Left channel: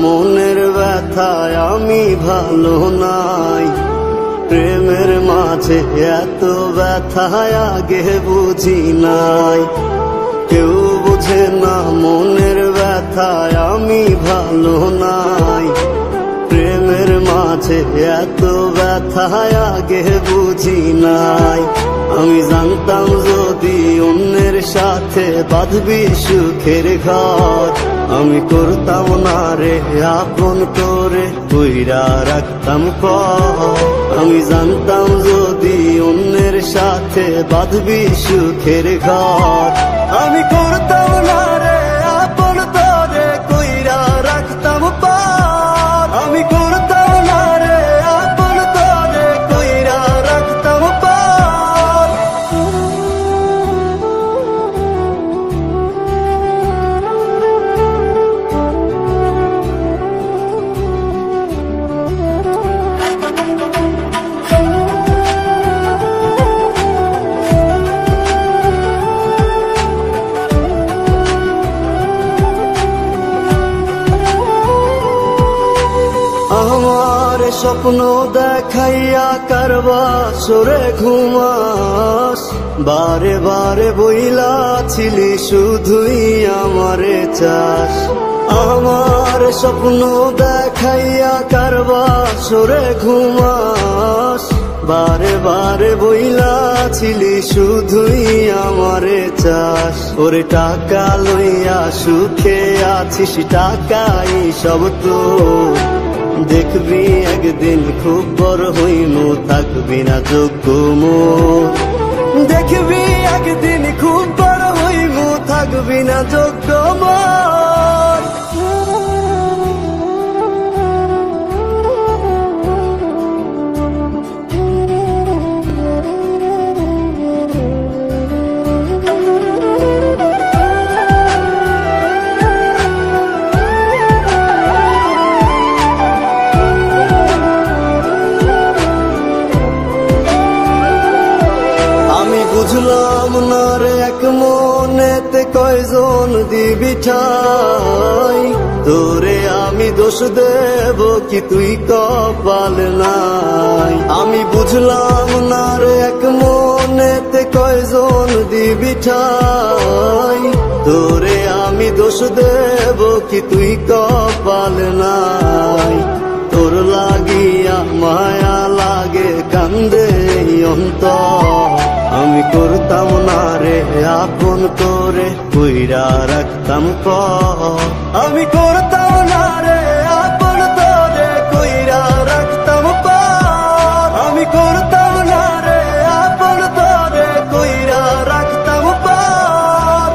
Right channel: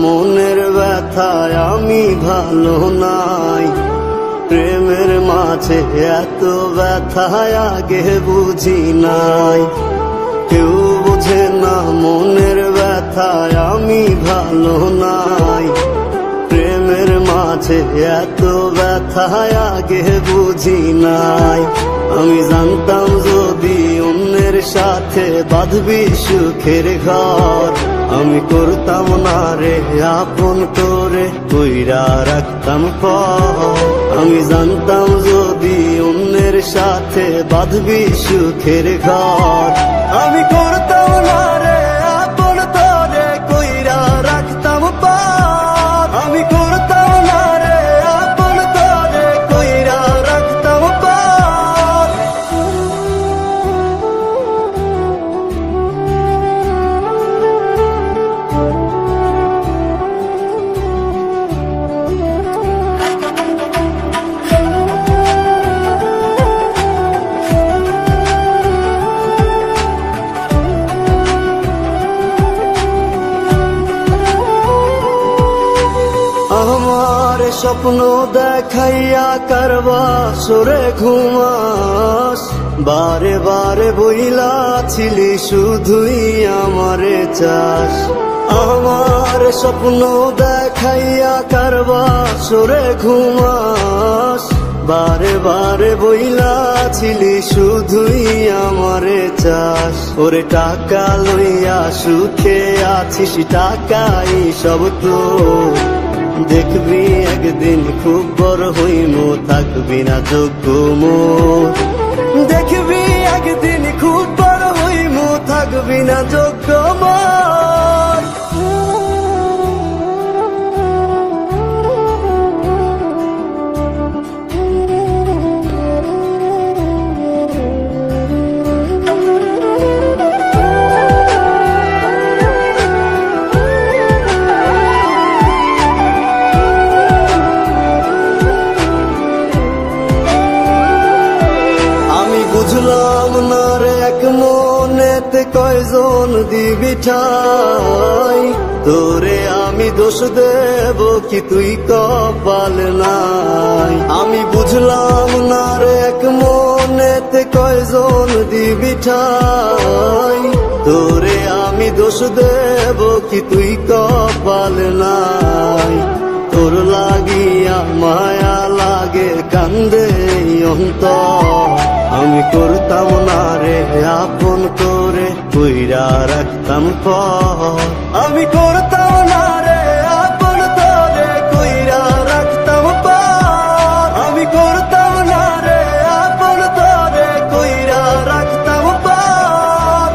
মনের ব্যথায় আমি ভালো নাই। প্রেমের মাঝে এত ব্যথায় আগে বুঝি নাই। কেউ বুঝে না মনের ব্যথায় আমি ভালো নাই। প্রেমের মাঝে এত ব্যথায় আগে বুঝি নাই। আমি জানতাম যদি অন্যের সাথে বাঁধবি সুখের ঘর, আমি করতাম না রে আপন করে কইরা রাখতাম পর। আমি জানতাম যদি অন্যের সাথে বাঁধবি সুখের ঘর, আমি করতাম না রে আপন করে কইরা রাখতাম পর। আমি করতাম না রে আপন করে কইরা রাখতাম পর। আমার স্বপ্ন দেখাইয়া কারবা সরে ঘুমাস, বারে বারে বইলা ছিলি শুধুই আমারে চাস। আমার স্বপ্ন দেখাইয়া কারবা সরে ঘুমাস, বারে বারে বইলা ছিলি শুধুই আমারে চাস। ওরে টাকা লইয়া সুখে আছিস, টাকাই সব তো দেখবি একদিন খুব বড় হইমু, থাকবি না যোগ্য মোর। দেখবি একদিন খুব বড় হইমু, থাকবি না যোগ্য মোর। বুঝলাম না রে এক মনেতে কয়জন দিবি ঠাই, তোরে আমি দোষ দেব কি তুই কপাল নাই। আমি বুঝলাম না রে এক মনেতে কয়জন দিবি ঠাই, তোরে আমি দোষ দেব কি তুই কপাল নাই। তোর লাগিয়া মায়া লাগে কান্দে অন্তর, আমি করতাম না রে আপন করে কইরা রাখতাম পর। আমি করতাম না রে আপন করে কইরা রাখতাম পর। আমি করতাম না রে আপন করে কইরা রাখতাম পর।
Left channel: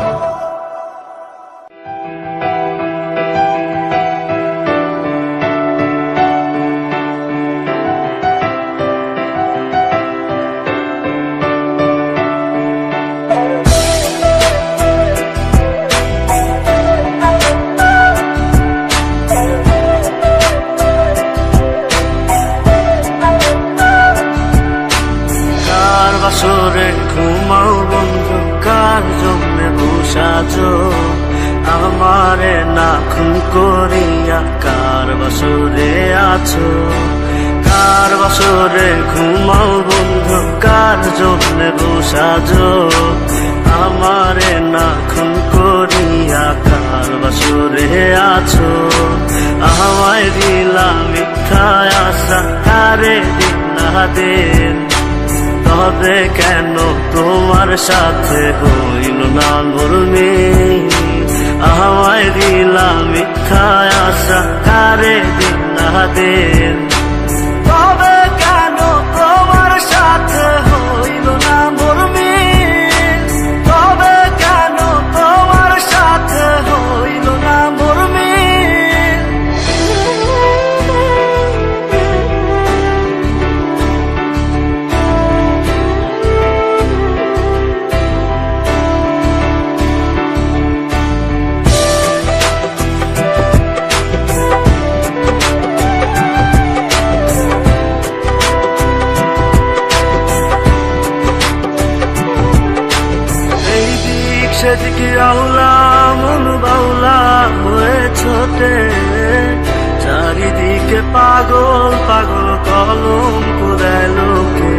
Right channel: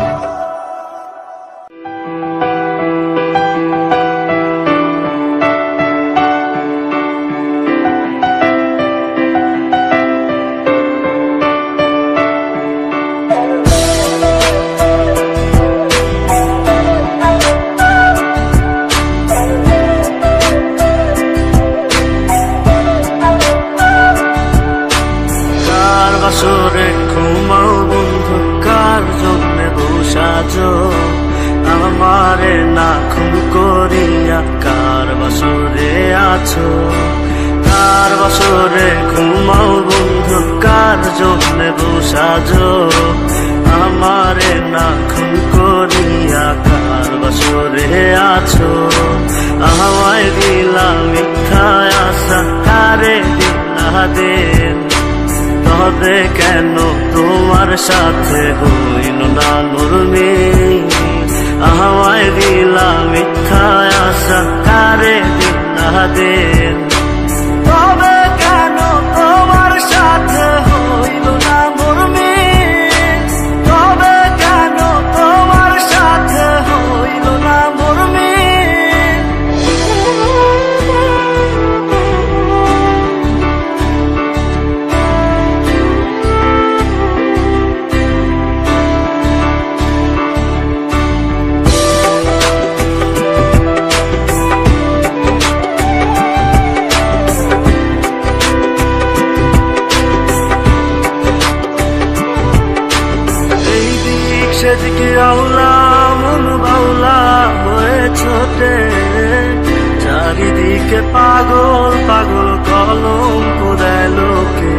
বাসরে ঘুমাও বন্ধু, কার জন্য বসাজো আমারে না খুন করিয়া, কার বাসরে আছো। কার বাসরে ঘুমাও বন্ধু, কার জন্য বসাজো আমারে না খুন করিয়া, কার বাসরে আছো। আমায় দিলা মিথ্যা আশা, কারে দিলা দিন, তবে কেন তোমার সাথে হইল না নরমে। আমায় দিলা মিথ্যা আশা, কারে দিলা দিন, তবে কেন তোমার সাথে হইল না নরমে। তবে কেন তোমার সাথে হইল না নরমে। সেদিকে আউলা মন বাউলা হয়ে ছোটে, চারিদিকে পাগল পাগল কলঙ্ক দেয় লোকে,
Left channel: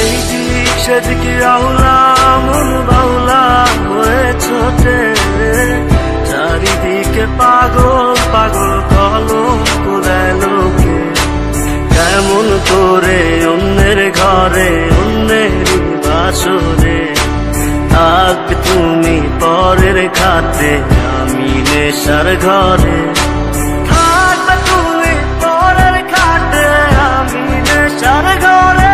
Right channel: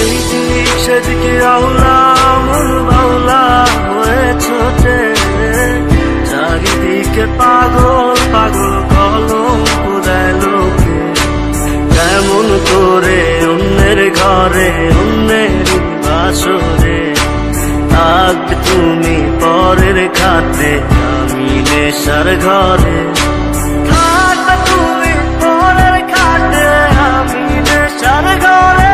এইদিক সেদিকে আউলা মন বাউলা হয়ে ছোটে, চারিদিকে পাগল পাগল কলঙ্ক দেয় লোকে। কেমন করে অন্যের ঘরে অন্যের বাসরে থাকবে তুমি পরের খাতে, আমি নেশার ঘরে থাকবে তুমি পরের খাতে, আমি নেশার ঘরে।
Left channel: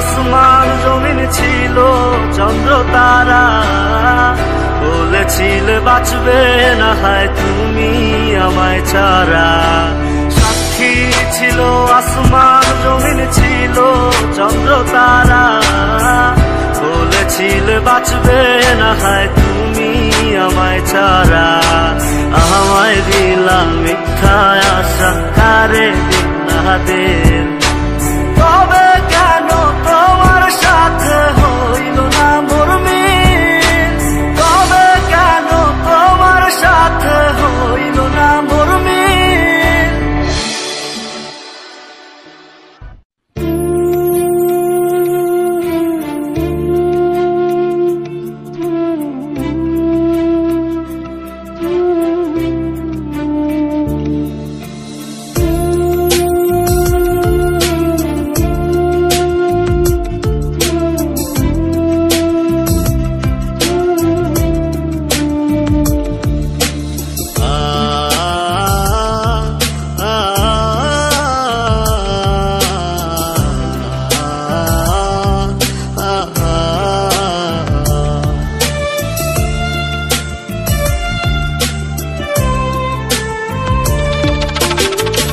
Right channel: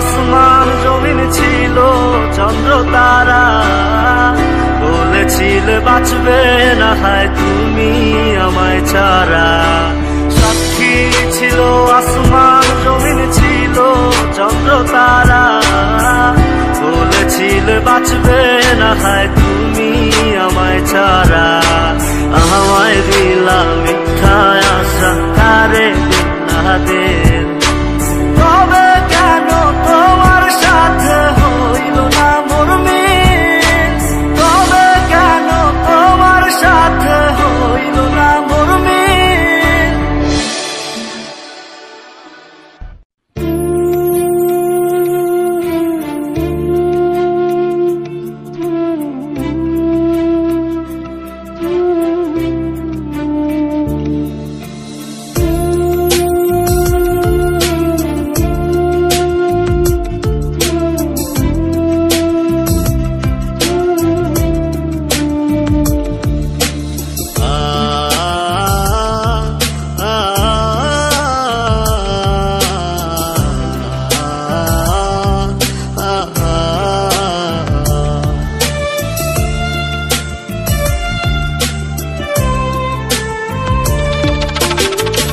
আসমান জমিন ছিল চন্দ্র তারা, বলেছিলে বাঁচবে না হয় তুমি আমায় ছাড়া। সাক্ষী ছিল আসমান জমিন ছিল চন্দ্র তারা, বলেছিলে বাঁচবে না হয় তুমি আমায় ছাড়া। আমায় দিলা মিথ্যা আশা কারে দিলা দিন, তবে কেন তোমার সাথে হইল না মোর মিল, তবে কেন তোমার সাথে হইল না মোর মিল।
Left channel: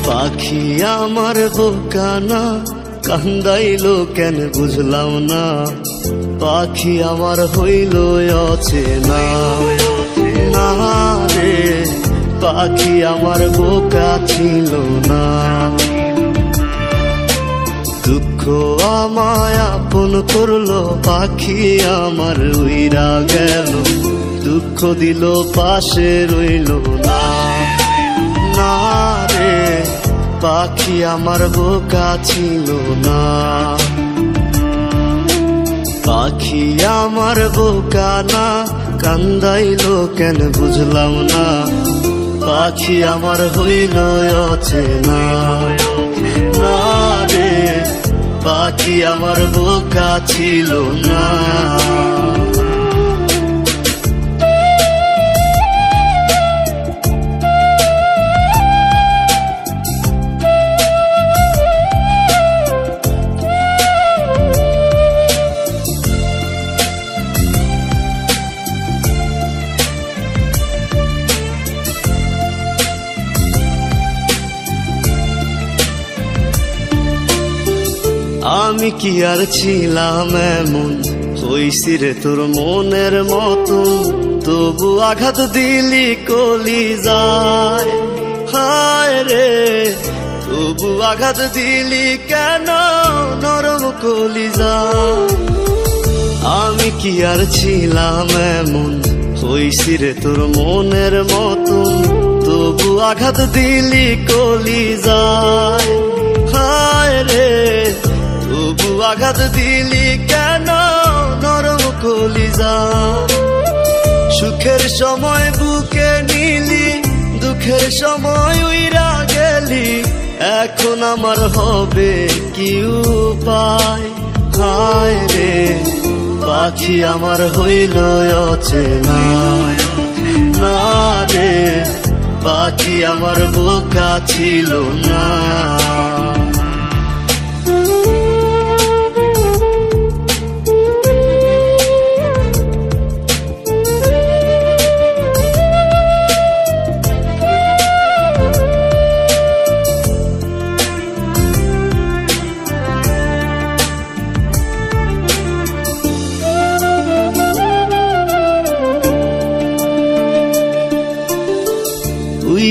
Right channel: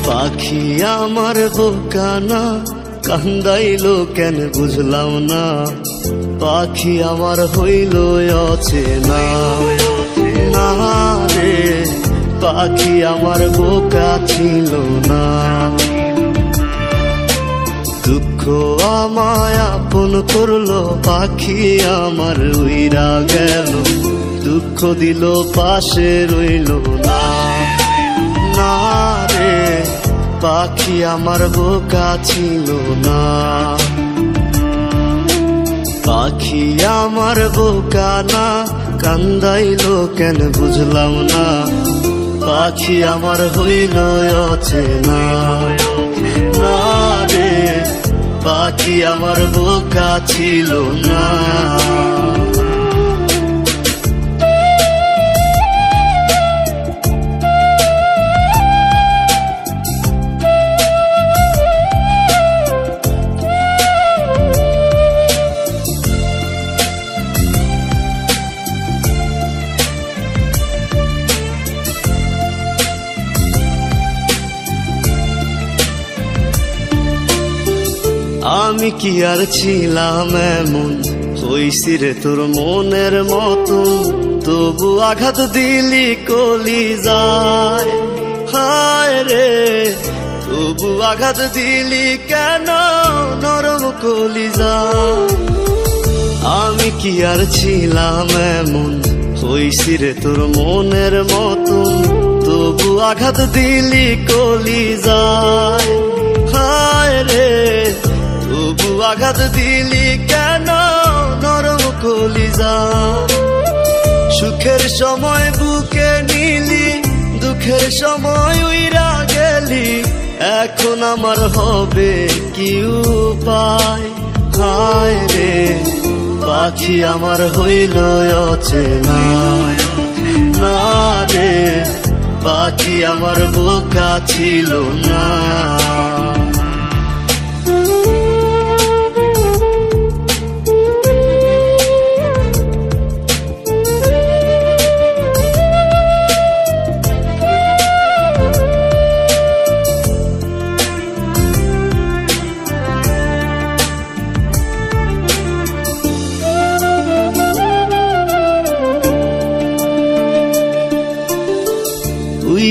পাখি আমার বোকানা কান্দাইলো কেন বুঝলাম না, পাখি আমার হইল অচেনা না রে, পাখি আমার বোকা ছিল না। দুঃখ আমায় আপন করলো, পাখি আমার উইরা গেল, দুঃখ দিল পাশে রইল না না রে, পাখি আমার বোকা ছিল না। পাখি আমার বোকা না কান্দাইলো কেন বুঝলাম না, পাখি আমার হইল অচেনা না রে, পাখি আমার বোকা ছিল না। আমি কি আর ছিলাম এমন, হইছি রে তোর মনের মতন, তবু আঘাত দিলি কলিজায়, হায় রে তবু আঘাত দিলি কেন নরম কলিজায়। আমি কি আর ছিলাম এমন, হইছি রে তোর মনের মতন, তবু আঘাত দিলি কলিজায়, হায় রে তবু আঘাত দিলি কেন নরম কলিজায়। সুখের সময় বুকে নিলি, দুঃখের সময় উইরা গেলি, এখন আমার হবে কি উপায়, হায় রে পাখি আমার হইল অচেনা না রে, পাখি আমার বোকা ছিল না।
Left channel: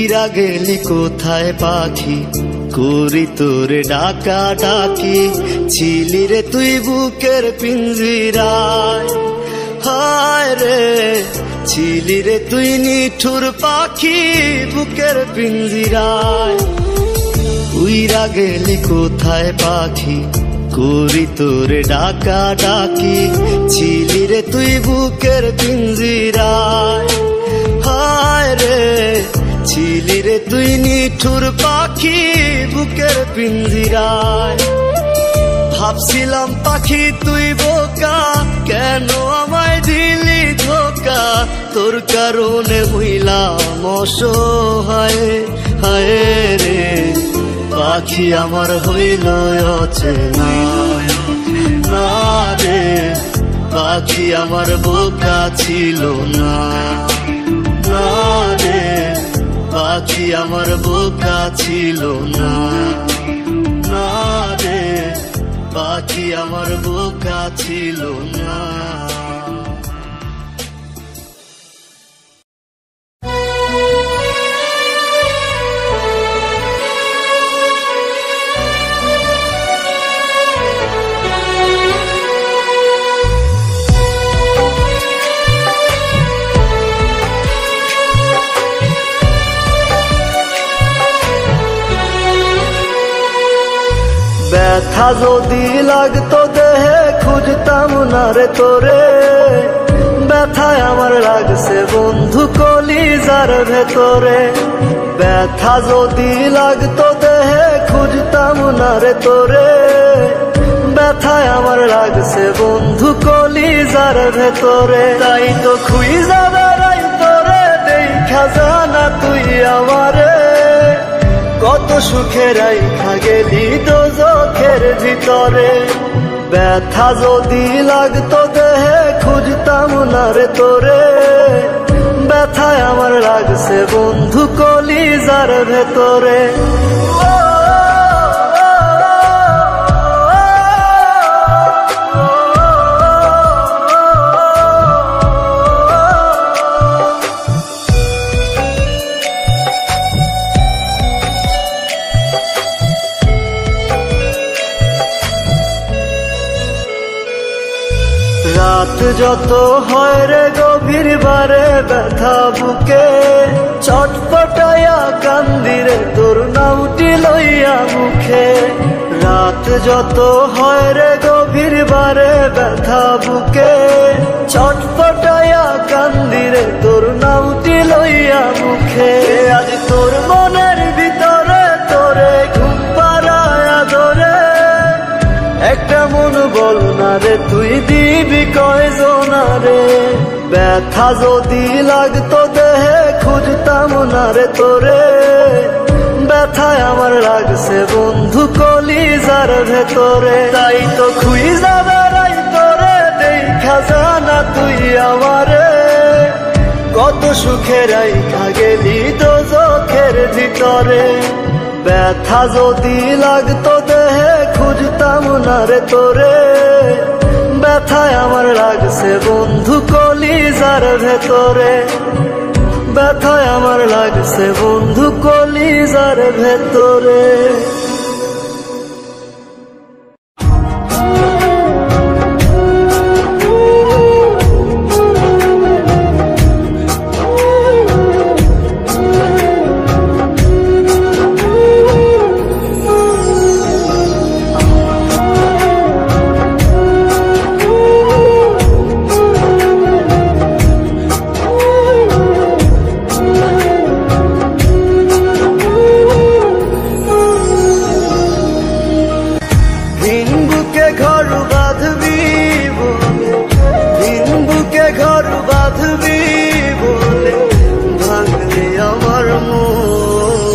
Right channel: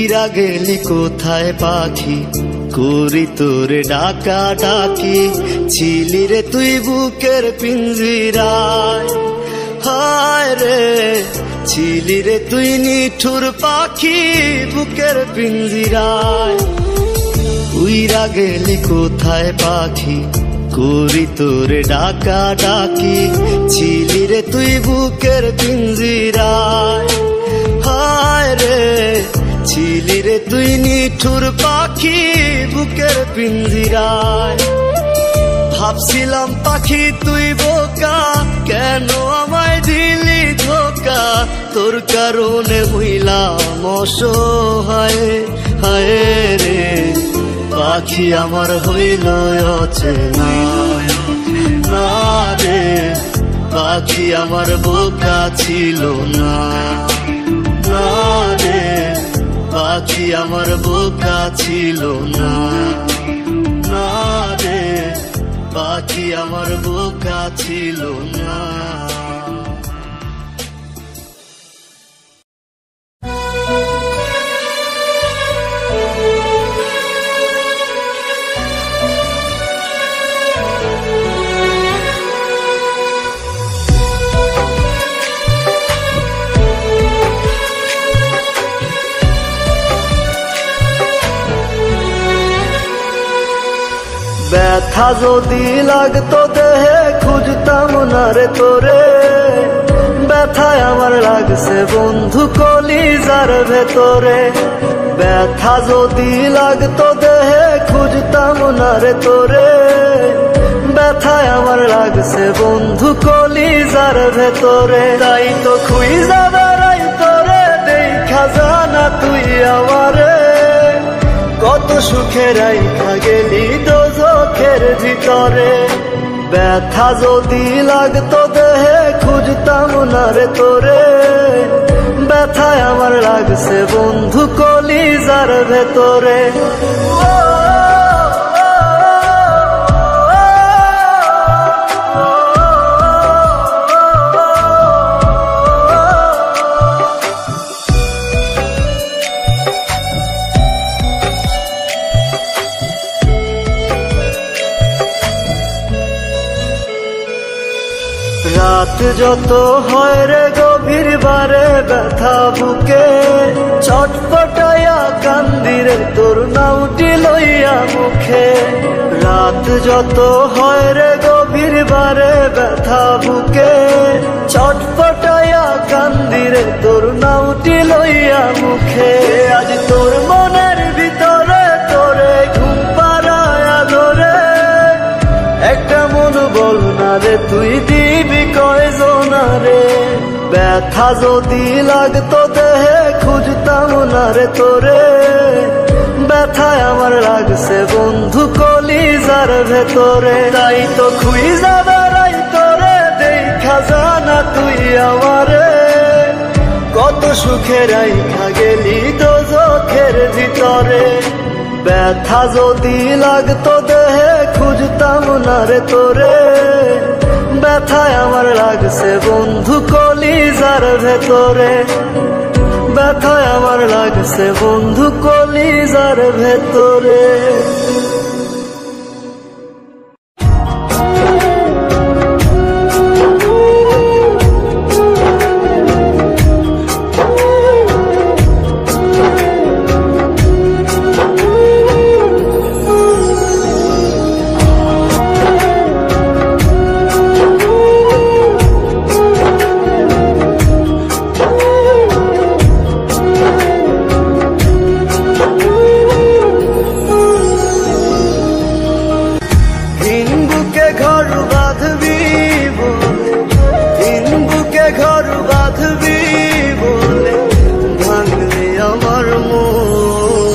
উইরা গেলি কোথায় পাখি, করি তোরে ডাকা ডাকি, ছিলি রে তুই বুকের পিঞ্জিরায়। হায় রে ছিলি রে তুই নিঠুর পাখি বুকের পিঞ্জিরায়। উইরা গেলি কোথায় পাখি, করি তোরে ডাকা ডাকি, ছিলি রে তুই বুকের পিঞ্জিরায়। হায় রে ছিলি রে তুই নিঠুর পাখি বুকের পিঞ্জিরায়। ভাবছিলাম পাখি তুই বোকা, কেন আমায় দিলি ধোকা, তোর কারণে হইলাম অসহায়। হায় রে পাখি আমার হইল অচেনা, না রে পাখি আমার বোকা ছিল না, না রে পাখি আমার বোকা ছিল না, না রে পাখি আমার বোকা ছিল না। ব্যথা যদি লাগতো দেহে খুঁজতাম না রে তোরে, ব্যথায় আমার লাগছে বন্ধু কলিজার ভেতরে। ব্যথা যদি লাগতো দেহে খুঁজতাম না রে তোরে, ব্যথায় আমার লাগছে বন্ধু কলিজার ভেতরে। তাই তো খুঁজা বেড়াই তোরে দেখা জানা তুই আমারে, কত সুখে রাইখা গেলি দোজখের ভিতরে। ব্যথা যদি লাগতো দেহে খুঁজতাম না রে তোরে, ব্যথায় আমার লাগছে বন্ধু কলিজার ভেতরে। রাত যত হয় রে গভীর বারে ব্যথা বুকে, ছটফটাইয়া কান্দিরে তোর নামটি লইয়া মুখে। রাত যত হয় রে গভীর বারে ব্যথা বুকে, ছটফটাইয়া কান্দিরে তোর নামটি লইয়া মুখে। আজ তোর মনের ভিতরে তোরে ঘুম পাড়ায়া ধরে, একটা মন বল না রে তুই দিবি কয়জনা রে। ব্যথা যদি লাগতো দেহে খুঁজতাম না রে তোরে, ব্যথায় আমার লাগছে বন্ধু কলিজার ভেতরে। তাই তো খুঁজা বেড়াই তোরে দেখা জানা তুই আমারে, কত সুখে রাইখা গেলি দোজখের ভিতরে। ব্যথা যদি লাগতো দেহে খুঁজতাম না রে তোরে, ব্যথায় আমার লাগছে বন্ধু কলিজার ভেতরে। ব্যথায় আমার লাগছে বন্ধু কলিজার ভেতরে। ঘর বাঁধবি বলে, দিন বুকে ঘর বাঁধবি বলে ভাঙলি আমার মন।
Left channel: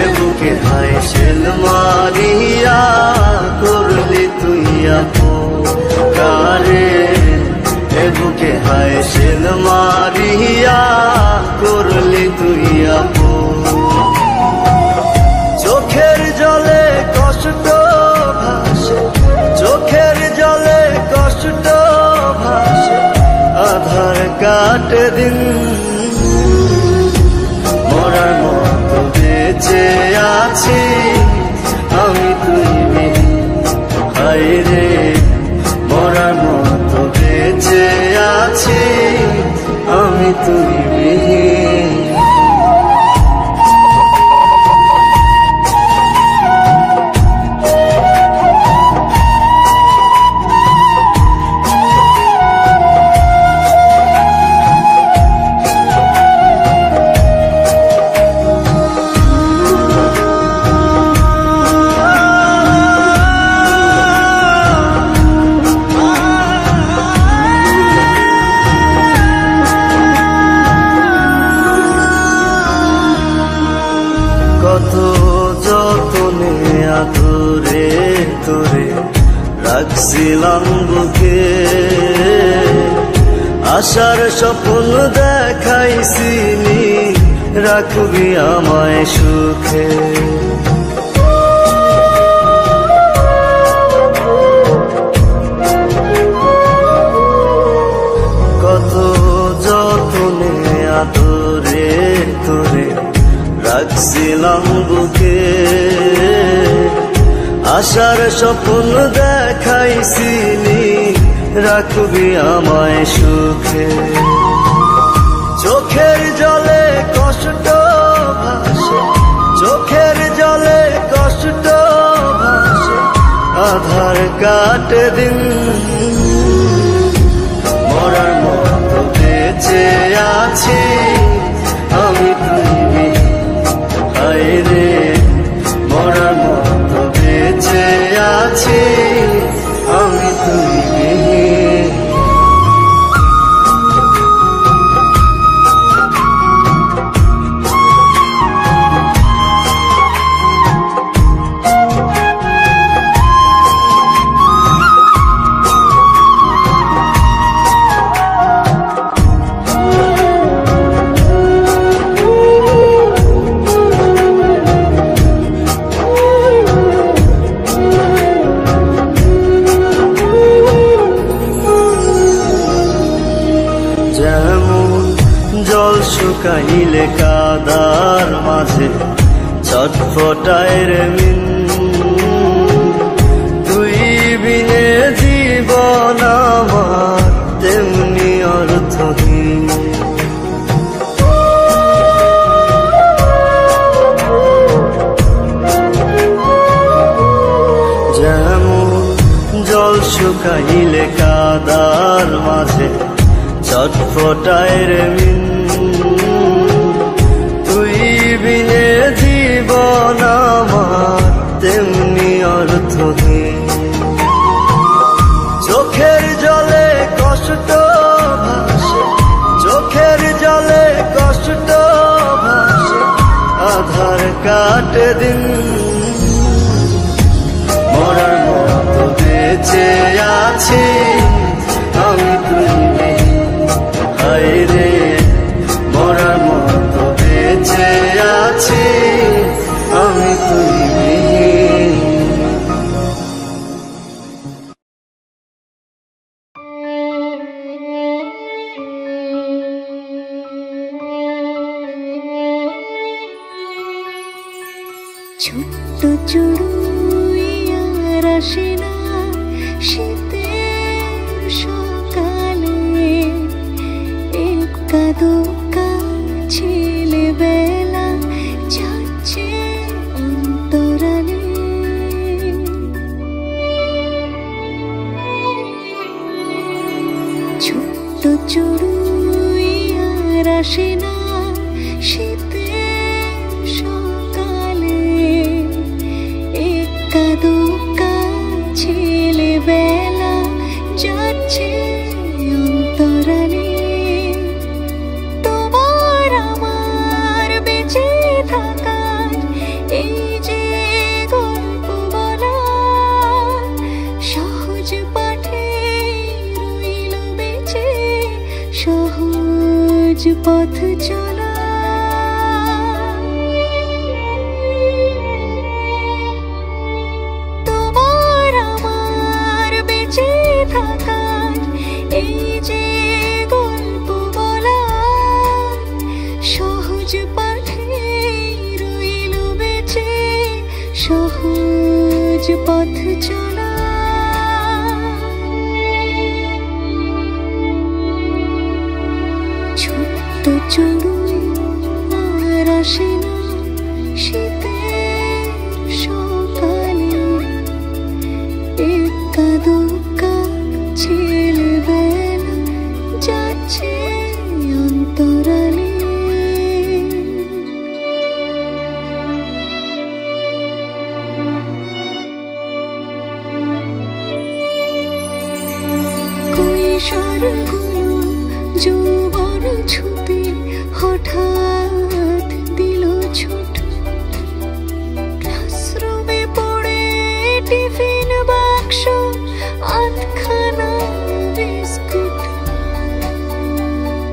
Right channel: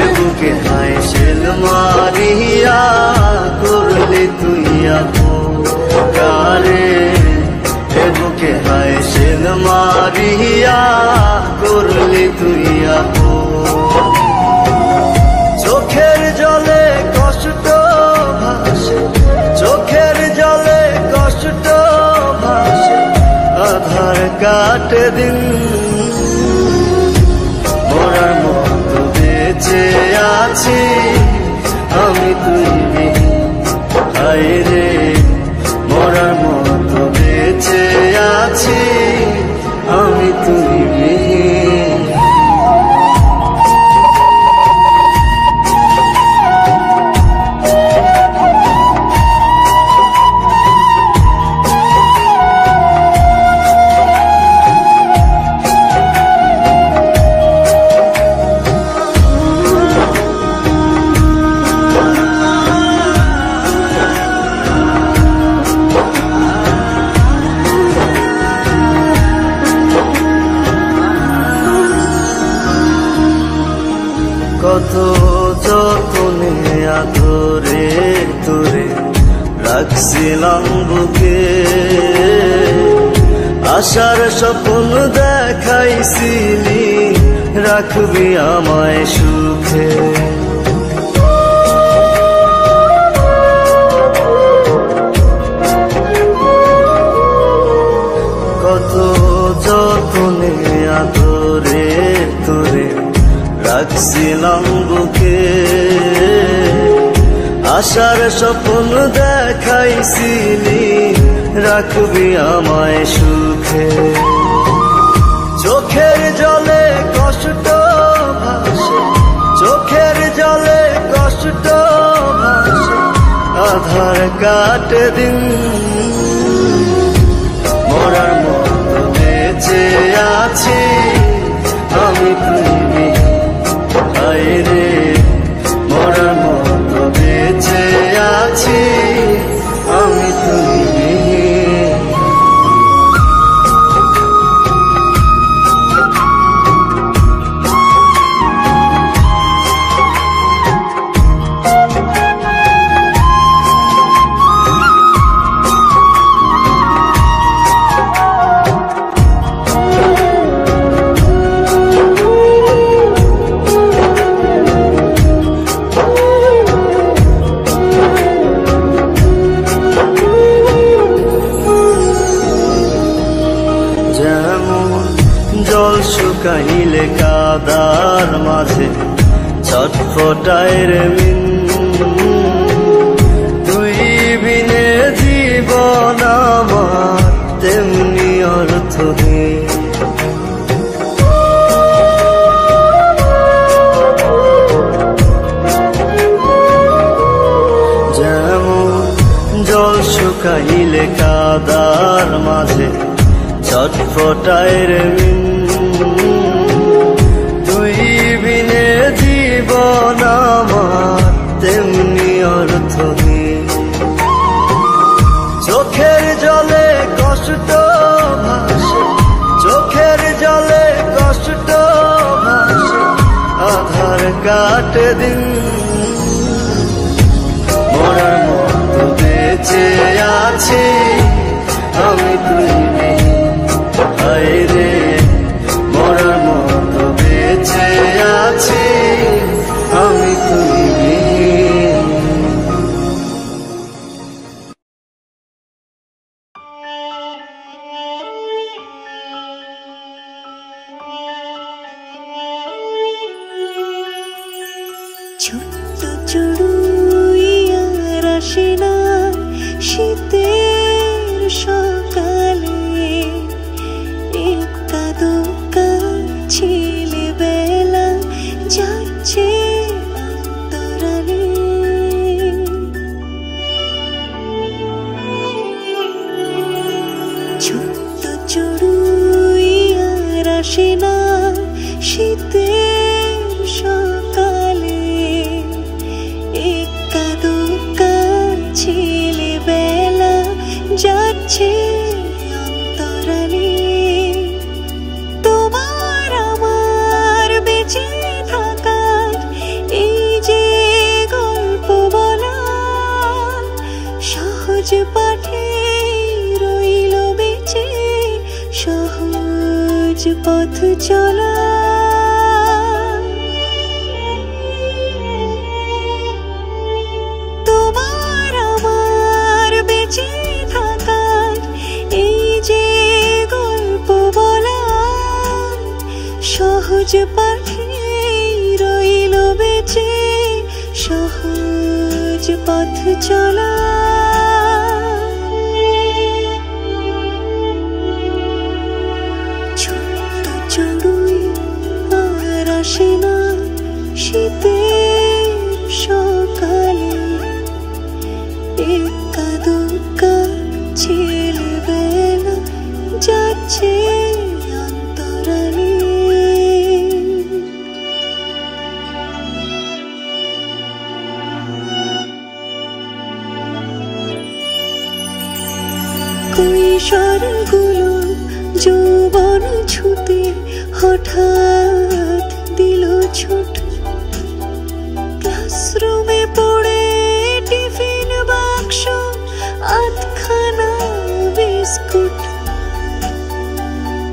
এ বুকে হায় শেল মারিয়া করলি তুই আপন কারে, এ বুকে হায় শেল মারিয়া করলি তুই আপন। চোখের জলে কষ্ট ভাসে, চোখের জলে কষ্ট ভাসে, আধার কাটে দিন। মরার মতো বেঁচে আছি আমি তুই বিহীন। হায় রে মরার মতো বেঁচে আছি আমি তুই বিহীন। কত যতনে আদরে তোরে রাখছিলাম বুকে, আশার স্বপ্ন দেখাইছিলি রাখবি আমায় সুখে। কত যতনে আদরে তোরে রাখছিলাম বুকে, আশার স্বপ্ন দেখাইছিলি রাখবি আমায় সুখে। চোখের জলে কষ্ট ভাসে, চোখের জলে কষ্ট ভাসে, আধার কাটে দিন। মরার মতো বেঁচে আছি আমি তুই বিহীন। হায় রে মরার মতো বেঁচে আছি আমি তুই বিহীন। যেমন জল শুকাইলে কাদার মাঝে ছটফটায় রে মিন, তুই বিনে জীবন আমার তেমনি অর্থহীন। যেমন জল শুকাইলে কাদার মাঝে ছটফটায় রে মিন, তুই বিনে জীবন আমার তেমনি অর্থহীন। চোখের জলে কষ্ট ভাসে, চোখের জলে কষ্ট ভাসে, আধার কাটে দিন। মরার মতো বেঁচে আছি আমি তুই বিহীন। হায় রে মরার মতো বেঁচে আছি আমি তুই বিহীন। ছোট্ট চড়ুইয়ার আসে না শীতের সকালে, একা দোকা ছেলে বেলা যাচ্ছে অন্তরালে। ছোট্ট চড়ুইয়ার আসে না শীতের সকালে, একা দোকা ছেলে বেলা যাচ্ছে অন্তরালে। তোমার আমার বেঁচে থাকার এই যে গল্প বলা, সহজ পাঠে রইল বেঁচে সহজ পথ চলা। তোমার আমার বেঁচে থাকার এই যে গল্প বলা, সহজ পাঠে পথ চলা ছোট্ট চড়ুই আর আসে না শীতের সকালে একা দুকা ছেলেবেলা যাচ্ছে অন্তরালে কৈশোরগুলো যৌবন ছুতে হঠাৎ দিল ছুট ক্লাসরুমে পড়ে টিফিন বাক্স আধখানা বিস্কুট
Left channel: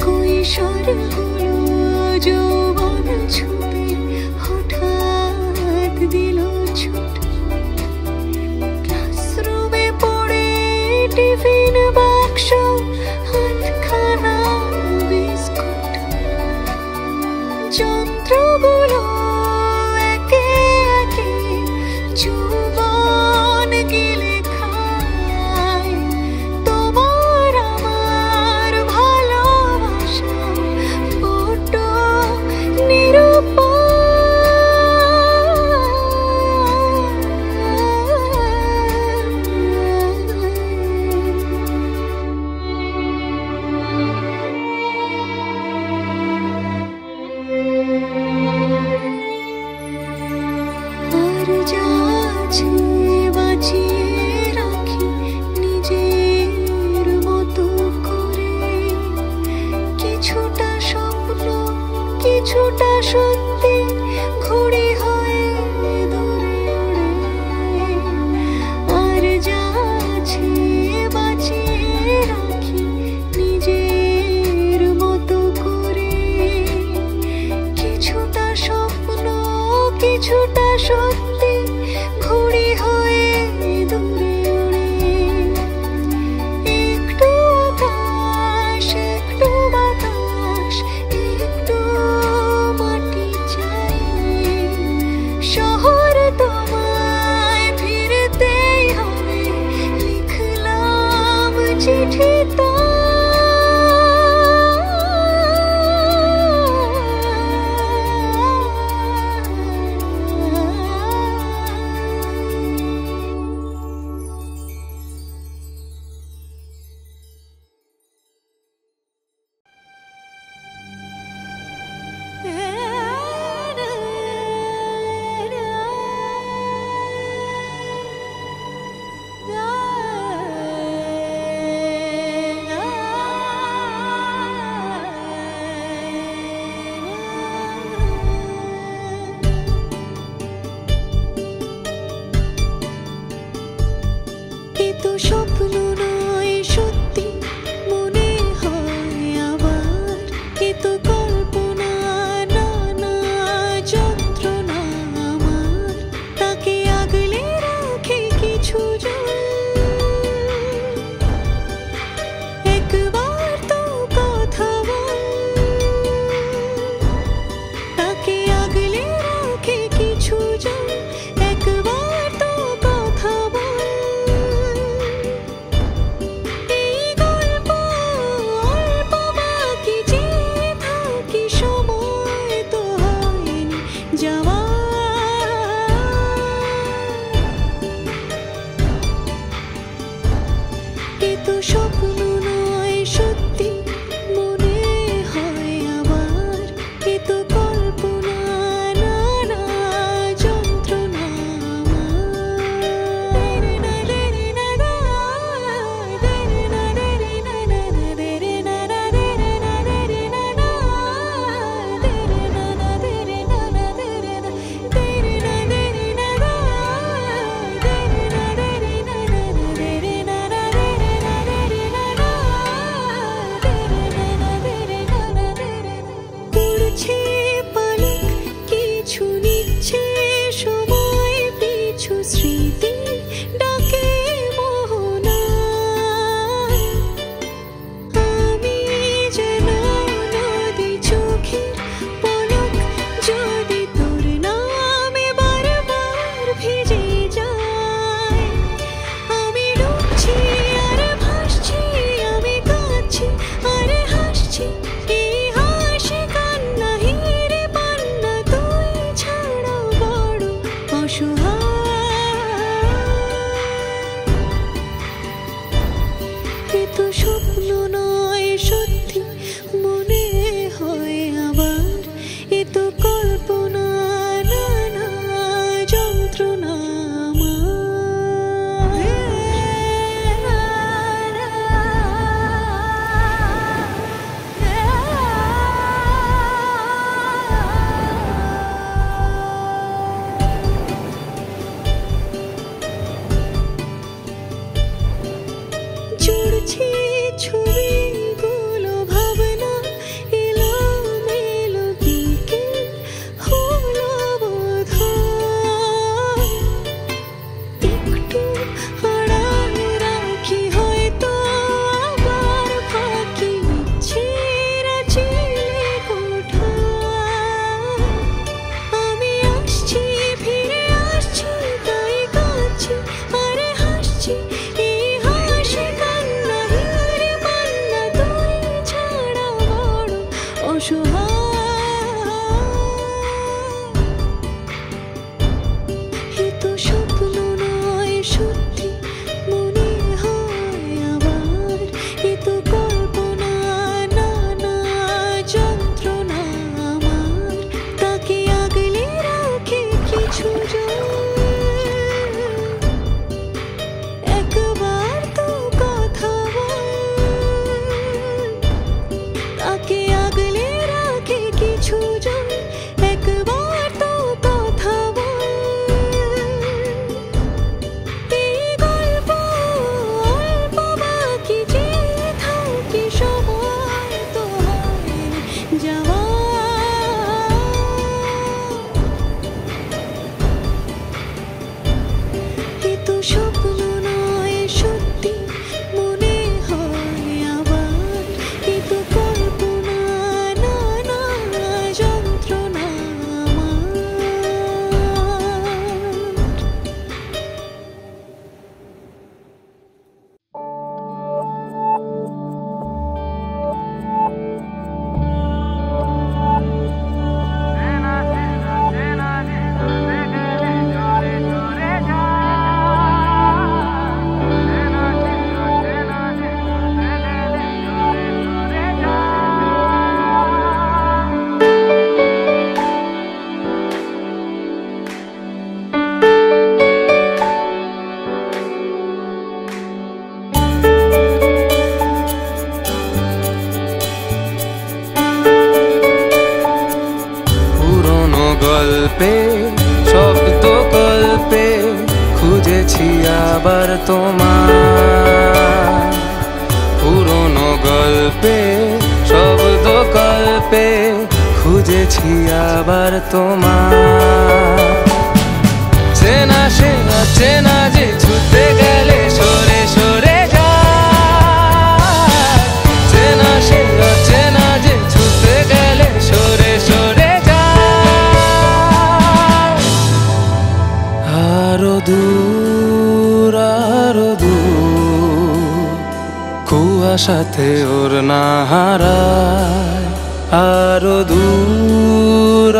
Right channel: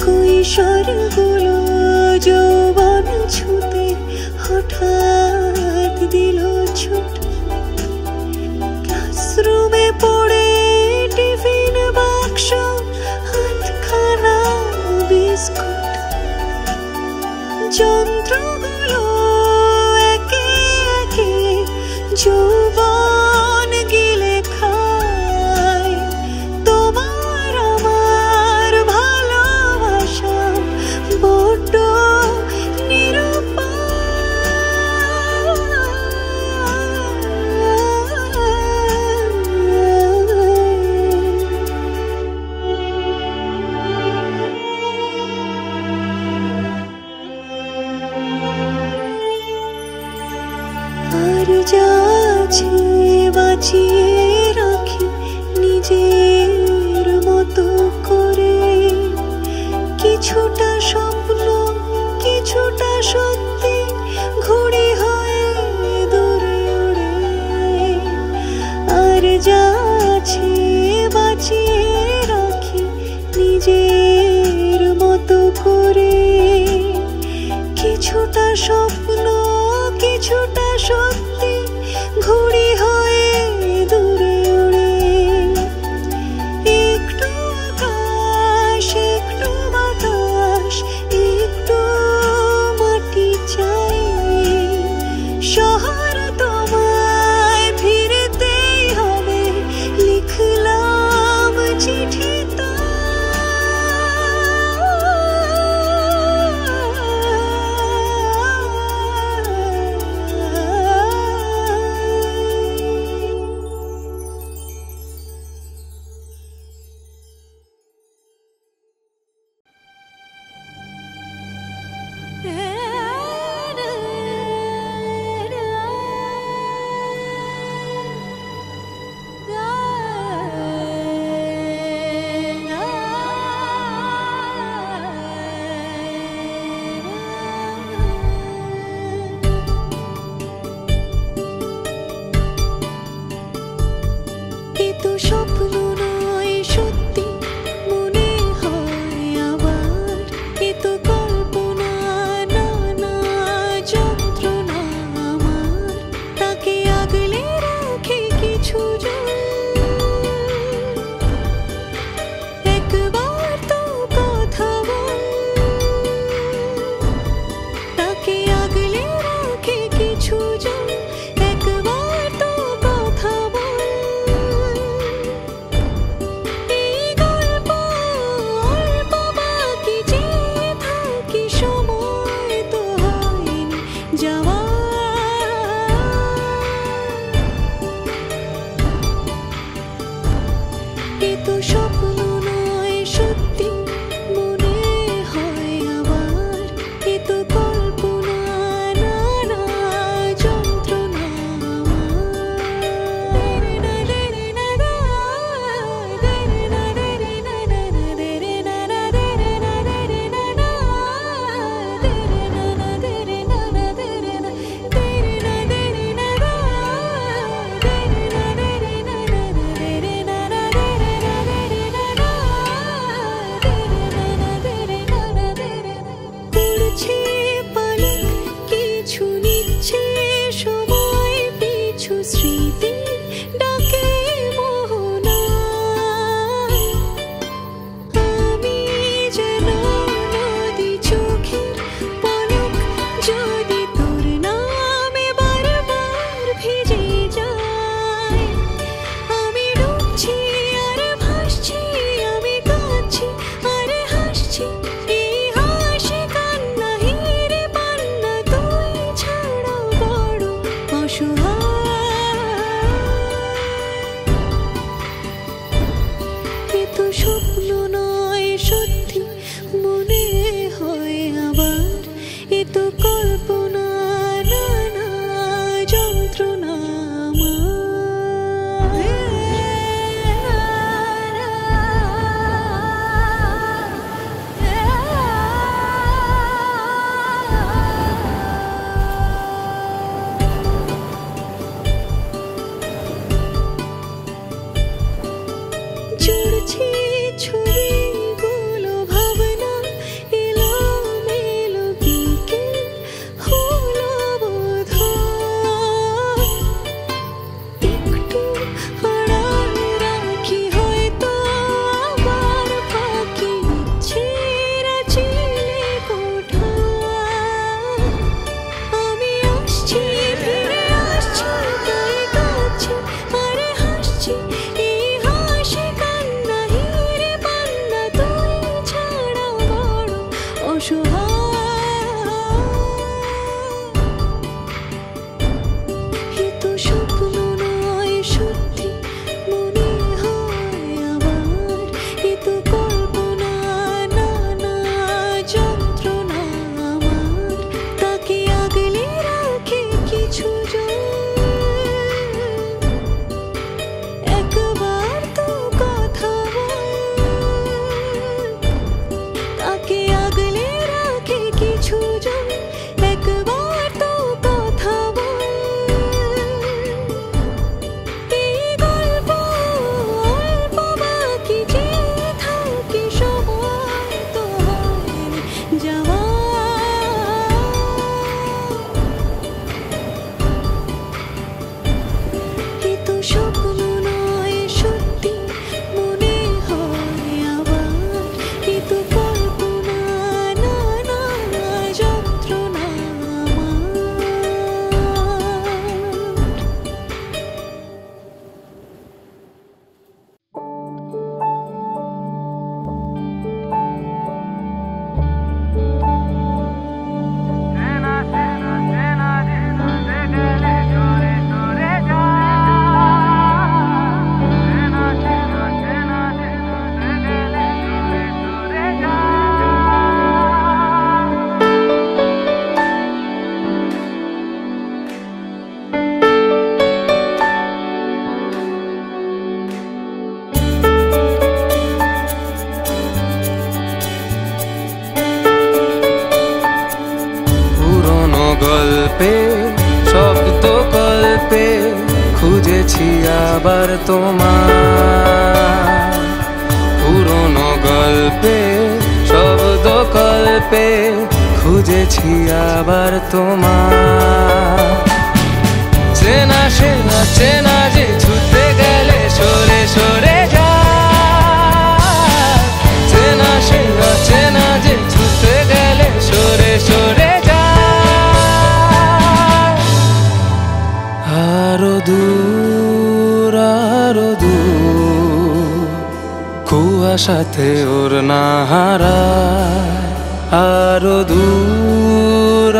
কৈশোরগুলো যৌবন ছুতে হঠাৎ দিল ছুট ক্লাসরুমে পড়ে টিফিন বাক্স আধখানা বিস্কুট যন্ত্রগুলো একে একে যৌবন গিলে খায় তোমার আমার ভালোবাসা বড্ড নিরুপায় আসছি এই হাসি কান্না হিরে পান্না তুই ছাড়া বড় অসহায় এ তো স্বপ্ন নয় সত্যি মনে হয় আবার এ তো কল্পনা না না যন্ত্রণা জুড়ছি ছবিগুলো ভাবনা এলোমেলো বিকেল হলো বোধহয় একটু আড়াল রাখি হয়তো আবার ফাঁকি ছেঁড়া চিলে কোঠায় আমি আসছি ফিরে আসছি তাই কাঁদছি আরে হাসছি এই হাসি কান্না হিরে পান্না তুই ছাড়া বড় অসহায় এ তো স্বপ্ন নয় সত্যি মনে হয় আবার এ তো কল্পনা না না যন্ত্রণা আমার তাকে আগলে রাখে কিছু একবার তো কথা বল তাকে আগলে রাখে কিছু জন একবার তো কথা বল এই গল্প অল্প বাকি যে থাকি সময় তো হয়নি যাওয়া এ তো স্বপ্ন নয় সত্যি মনে হয় আবার এ তো কল্পনা না না যন্ত্রণা আমার পুরনো গল্পে শব্দ কল্পে খুঁজেছি আবার তোমার পুরনো গল্পে শব্দ কল্পে খুঁজেছি আবার তোমার চেনা সে চেনা যে ছুটে গেলে সরে সরে যায় চেনা সে চেনা যে ছুটে গেলে সরে সরে যায় আরো দূর কুয়াশাতে ওর না হারায় আরো দূর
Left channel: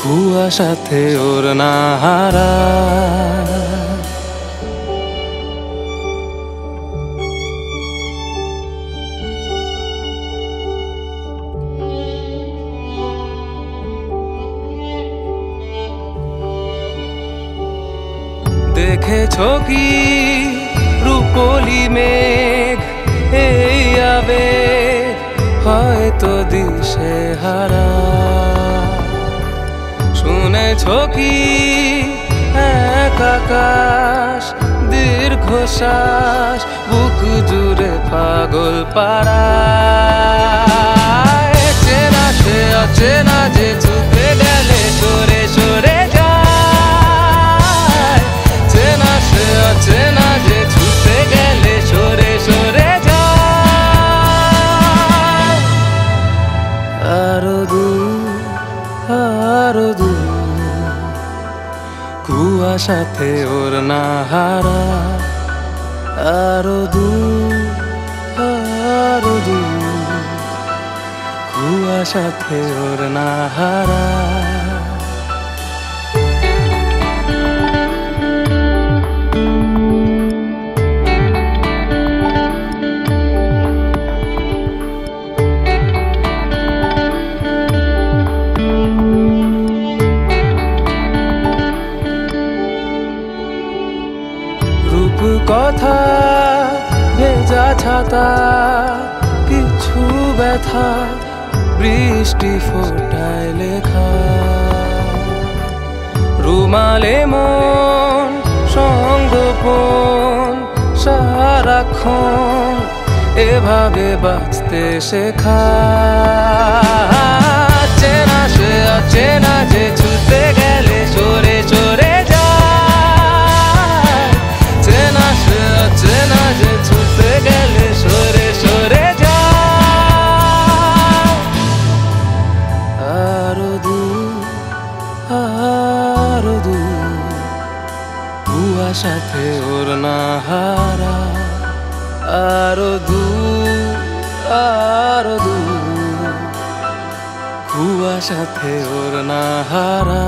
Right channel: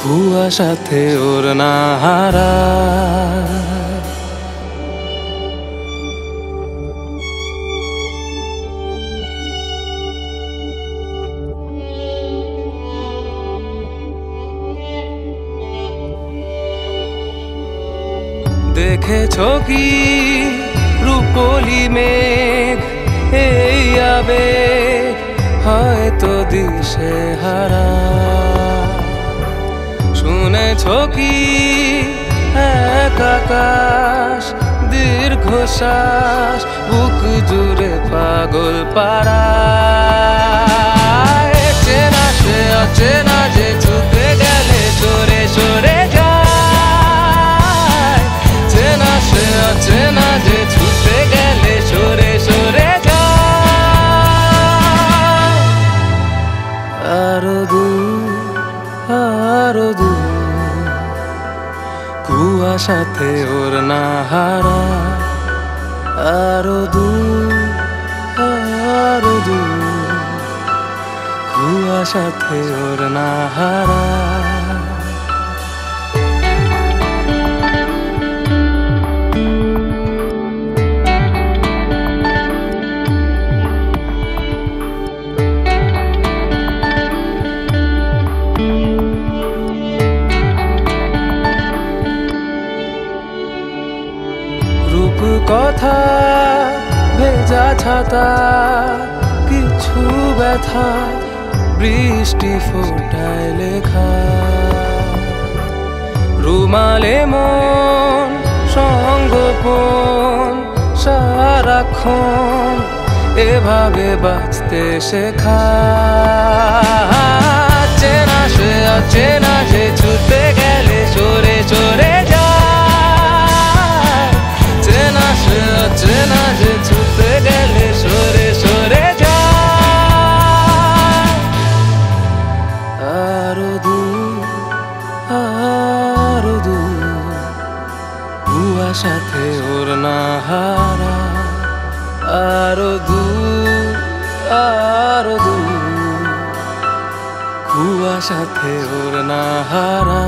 কুয়াশাতে ওর না হারায় দেখেছো কি রূপলি মেঘ এই আবেগ হয়তো দিশে হারা শুনেছো কি এক আকাশ দীর্ঘশ্বাস বুক জুড়ে পাগল পারা চেনা সে অচেনা যে ছুটে গেলে সরে সরে যায় চেনা সে অচেনা যে ছুটে গেলে সরে সরে যায় আরো দূর কুয়াশাতে ওর না হারা আরো দূর দূর কুয়াশাতে ওড়না হারা কথা ভেজা ছাতা কিছু ব্যথা বৃষ্টি ফোটায় লেখা রুমালে মন সঙ্গোপন সারাক্ষণ এভাবে বাঁচতে শেখা চেনা সে অচেনা যে ছুটে গেলে সরে সরে চেনা যে ছুটে গেলে সরে সরে যায় আরো দূর কুয়াশাতে ওড়না হারা আরো দূর কুয়াশাতে ওড়না হারা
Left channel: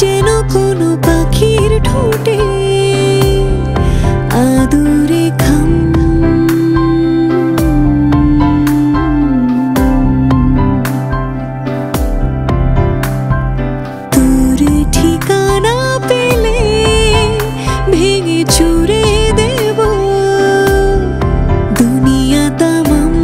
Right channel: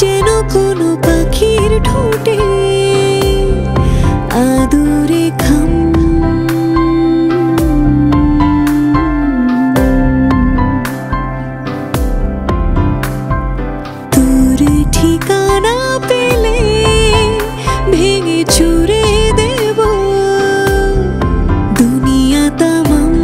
যেন কোনো পাখির ঠোঁটে আদুরে খাম তোর ঠিকানা পেলে ভেঙে চুরে দেব দুনিয়া তামাম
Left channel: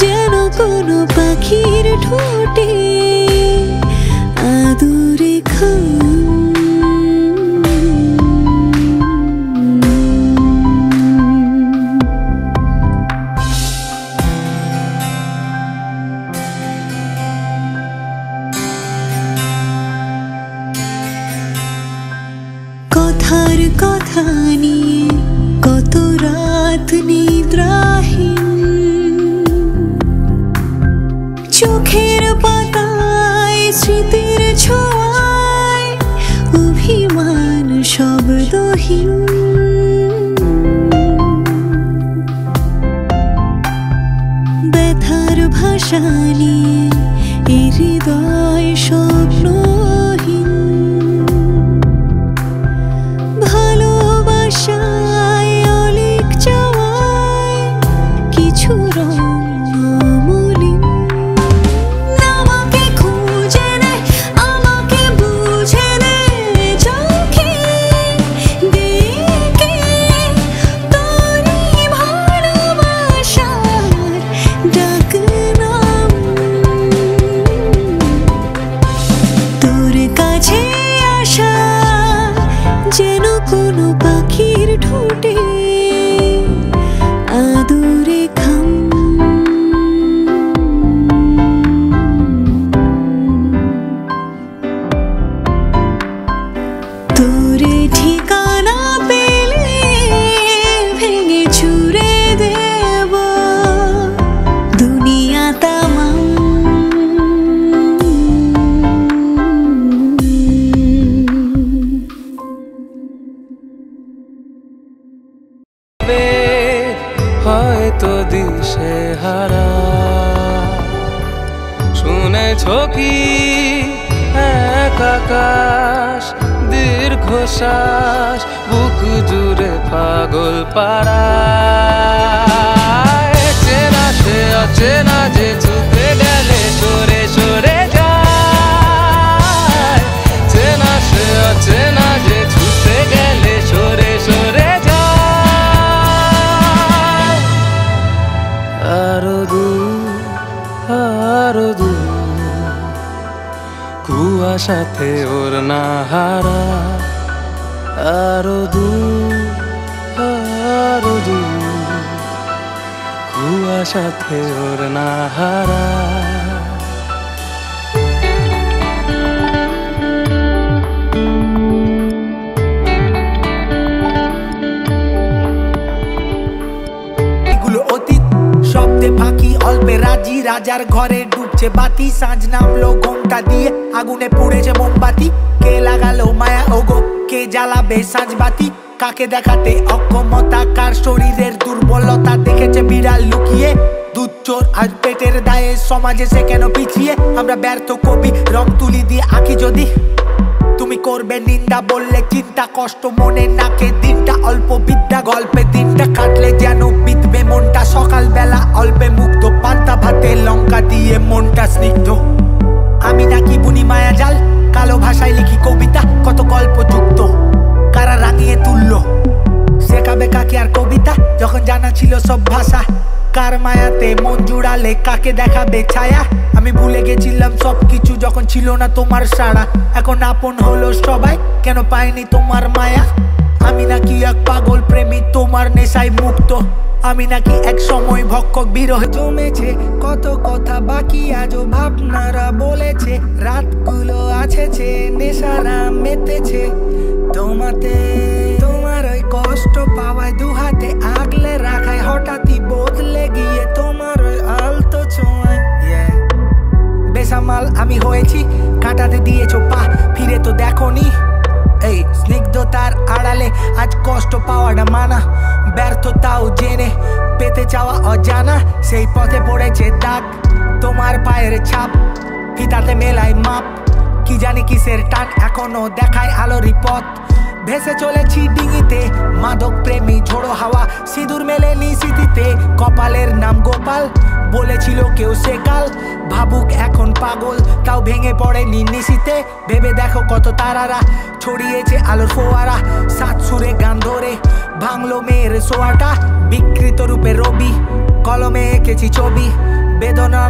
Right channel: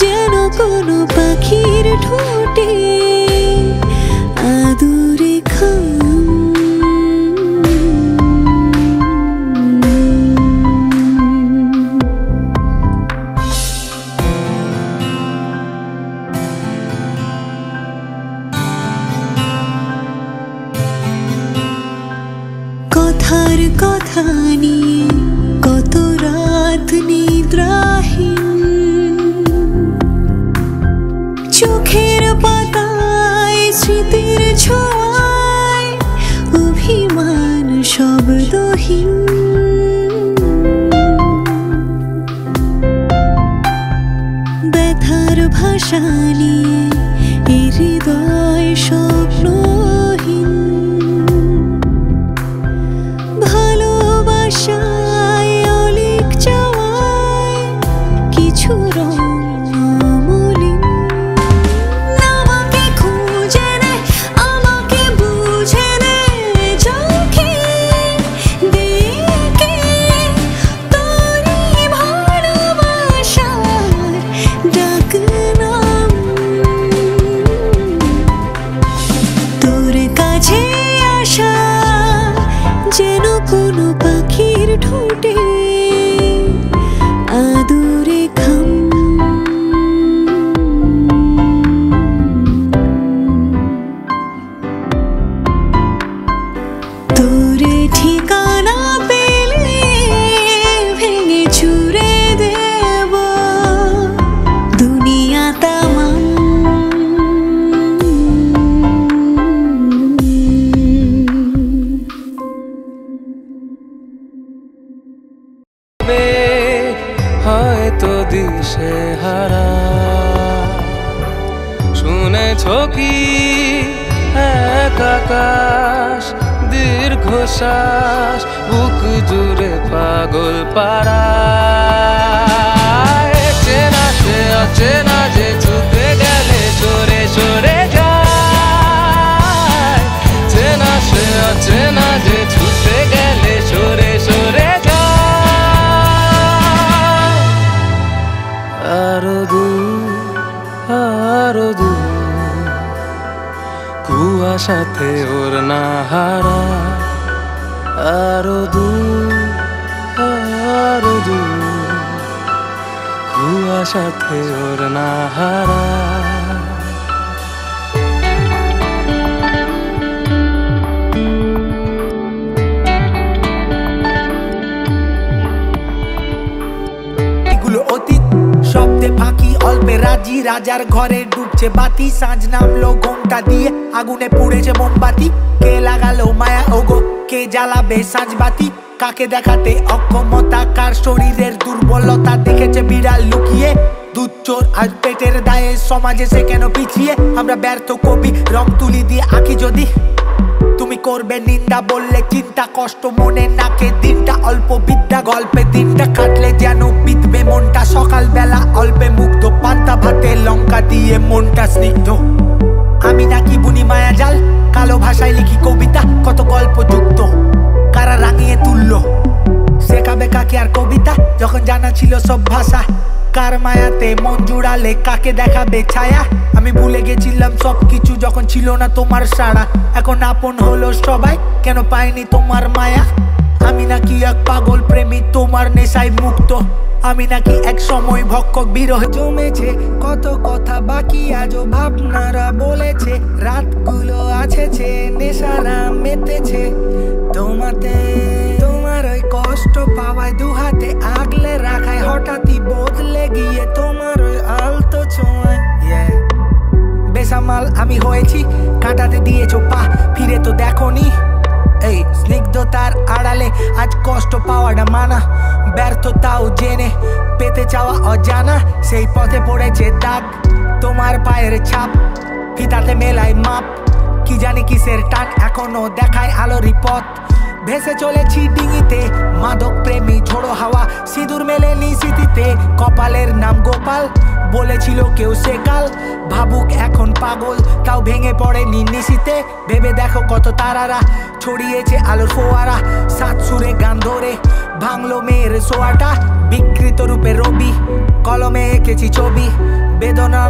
যেন কোনো পাখির ঠোঁটে আদুরে খাম কথার কথা নিয়ে কত রাত নিদ্রাহীন চোখের পাতায় স্মৃতির ছোঁয়ায় অভিমান শব্দহীন ব্যথার ভাষা নিয়ে এই হৃদয় স্বপ্নহীন ভালোবাসায় অলিক চাওয়ায় কিছু রং অমলিন আমাকে খুঁজে নে আমাকে বুঝে নে চোখে দেখে তোরই ভালোবাসার ডাক নাম তোর কাছে আসা যেন কোনো পাখির ঠোঁটে আদুরে খাম তোরে ঠিকানা পেলে ভেঙে চুরে দেব দুনিয়া তামাম তো দিশে হারা। শুনেছ কি এক আকাশ দীর্ঘশ্বাস বুক জুড়ে পাগল পাড়া। চেনা সে অচেনা যে ছুতে গেলে সরে সরে যায়। চেনা সে অচেনা যে ছুতে গেলে সরে সরে যায়। আরো দূর আরো দূর কুয়াশাতে ওর না হারা। আরো দূর আরো দূর কুয়াশাতে ওর না হারা। অতীত শব্দে ফাঁকি অল্পে রাজি। রাজার ঘরে ডুবছে বাতি, সাঁঝ নামলো ঘোমটা দিয়ে আগুনে পুড়েছে মোমবাতি। কে লাগালো মায়া ওগো, কে জ্বালাবে সাঁঝ বাতি? কাকে দেখাতে অক্ষমতা, কার শরীরের দুর্বলতা দেখেছে বিড়াল লুকিয়ে? দুধ চোর আজ পেটের দায়ে সমাজে সে কেন পিছিয়ে? আমরা ব্যর্থ কবি রং তুলি দিয়ে আঁকি যদি। তুমি করবে নিন্দা বললে চিন্তা, কষ্ট মনে নাকে দিনটা অল্প বিদ্যা। গল্পে দিনটা কাটলে যেন বিধবে মনটা। সকালবেলা অল্পে মুগ্ধ, পান্তা ভাতে লঙ্কা দিয়ে মনটা স্নিগ্ধ। আমি নাকি বুনি মায়া জাল, কালো ভাষায় লিখি কবিতা। কত গল্প যুক্ত, কারা রাঙিয়ে তুললো শেখাবে কাকে আর কবিতা? যখন জানা ছিল সব ভাষা, কার মায়াতে মন জুড়ালে কাকে দেখাবে ছায়া? আমি ভুলে গেছিলাম সবকিছু যখন ছিল না তোমার সাড়া। এখন আপন হলো সবাই, কেন পাইনি তোমার মায়া? আমি নাকি এক পাগল প্রেমী তোমার নেশায় মুক্ত। আমি নাকি এক সময় ভক্ষক বিরহ জমেছে। কত কথা বাকি আজও ভাবনারা বলেছে। রাতগুলো আছেছে নেশারা মেতেছে তোমাতে। তোমার ওই কষ্ট পাওয়ায় দুহাতে আগলে রাখায় হঠাৎই বদলে গিয়ে তোমার ওই আলতো ছোঁয়ায়। বেসামাল আমি হয়েছি, কাটাতে দিয়েছো পা, ফিরে তো দেখোনি। এই স্নিগ্ধতার আড়ালে আজ কষ্ট পাওয়াটা মানা। ব্যর্থতাও জেনে পেতে চাওয়া অজানা। সেই পথে পড়েছে দাগ, তোমার পায়ের ছাপ, ফিতাতে মেলায় মাপ। কি জানি কিসের টান এখনো দেখায় আলোরই পথ। ভেসে চলেছি ডিঙিতে মাদক প্রেমী ঝোড়ো হাওয়া। সিঁদুর মেলেনি স্মৃতিতে, কপালের নাম গোপাল। বলেছিল কেউ সে কাল ভাবুক এখন পাগল, তাও ভেঙে পড়েনি নিশীতে। ভেবে দেখো কত তারারা ছড়িয়েছে আলোর ফোয়ারা। সাত সুরে গান ধরে ভাঙলো মেয়ের সোয়াটা। বিকৃত রূপে রবি কলমে এঁকেছি ছবি বেদনা।